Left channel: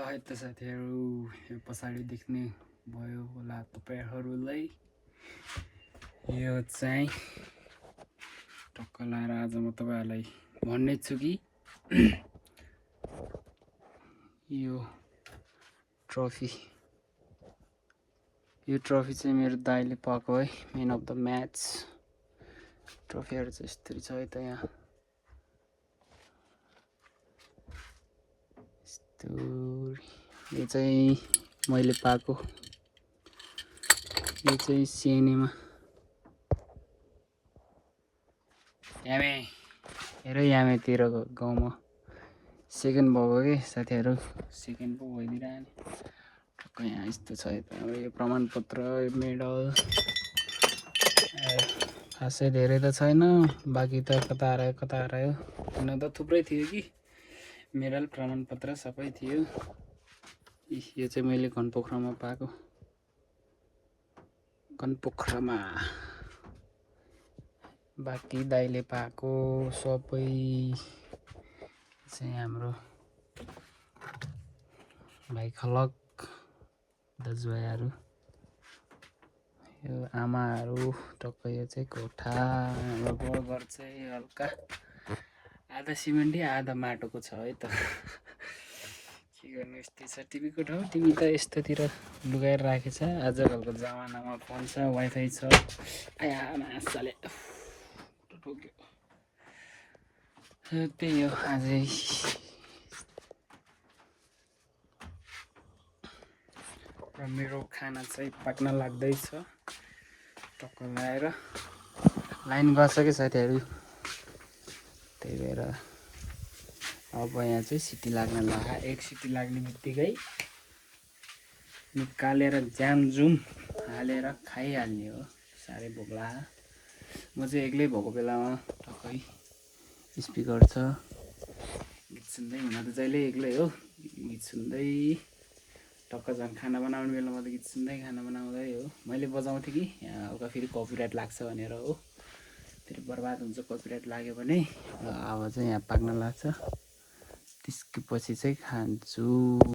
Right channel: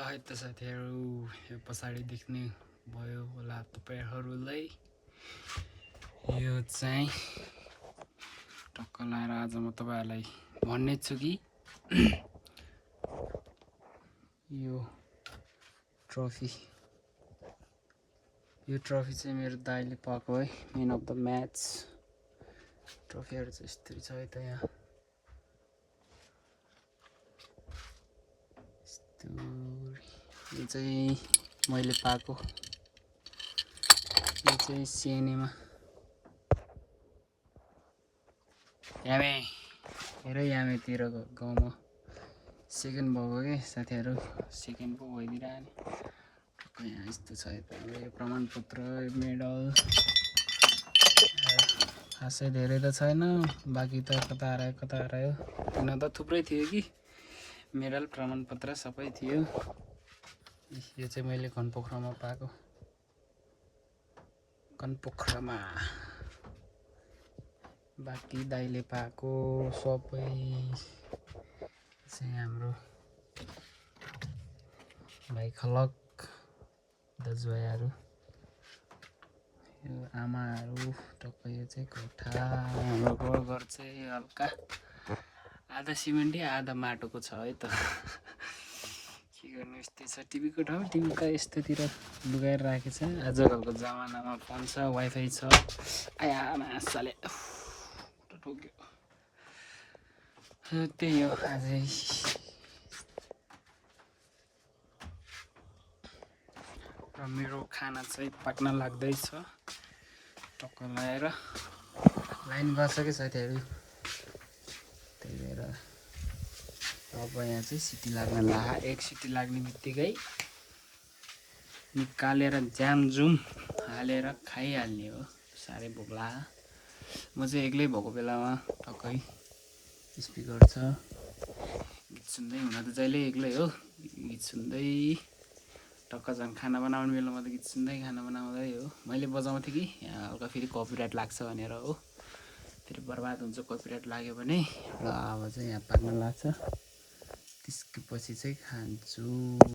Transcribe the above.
है त साथीहरु, यो पछाडी देख्ने भयो होला तपाईहरुलाई। यो चाहिँ टक्क लाएर आज म तपाईहरुलाई भन्ने छु कि यो ट्रफी चाहिँ मेरो दाइले पाएको है, म्यान अफ द म्याच। ट्रफीहरु चाहिँ यस्तरी छ है त यहाँ। यो चाहिँ मैले पाएको, यो चाहिँ सिएनएमा हेरै यामेतिर गाउँमा सेकेन्ड भएको कि साथीहरु, सेकेन्ड पो भइदिरहने। टक्क यहाँ यस्तो छ है त। यो प्रमाणपत्र, यो मेडल खासै धेरै त छैन, बाँकी त कता हरायो किन त थुप्रै थियो कि मेडल प्रमाणपत्र सबै थियो। यो चाहिँ मैले घनपोखरामा पाएको, घनपोखरामा। बाँकी दाइले पाएको सबै चाहिँ हाम्रो भाइ खलक दाजुभाइहरु, यो आमाहरु। टक्क यो चाहिँ कोठा, हाम्रो घर चाहिँ हल्का आधा सिमेन्टै आधा माटोको छ है त। के गर्नु, यस्तै छ। टिभीको ठाउँ टिभी त यस्तोतिर लुगाएर राखेछ। आजकलको जमानामा फोन छ, वाइफाई छ। आया मासाले ठोक्यो। त्यही हो आजै। र मेरो खाना चाहिँ पाक्न लाग्दैछ। टक्क लाएर लाइन गर्छ कि साथीहरु, त्यही भएर अब यहाँ चाहिँ सिटी लाग्न लाग्यो। एक सिटी लाग्ने बित्तिकै निकालेर ज्यामजुम हालेर खाइहाल्ने हो। साह्रै भोक लाग्यो। म चाहिँ एक्लै भएको बेलामा टक्कै स्पिकर छ, गीत सुन्दै, हुन त जहिले एक्लै हो, गीत सुन्दै टक्क झन् खाना बनाउने बेलामा त गीत सुन्दै खाना बनाउँदै हो। मैले बजाउँथेँ कि हल्का फेरि कपिराइट लाग्छ भनेर हो, फेरि बर्बाद हुन्छ कपिराइट लाग्यो भने। अब चाहिँ यहाँ पाक्न लाग्छ, त्यसको पछि चाहिँ खान्छु।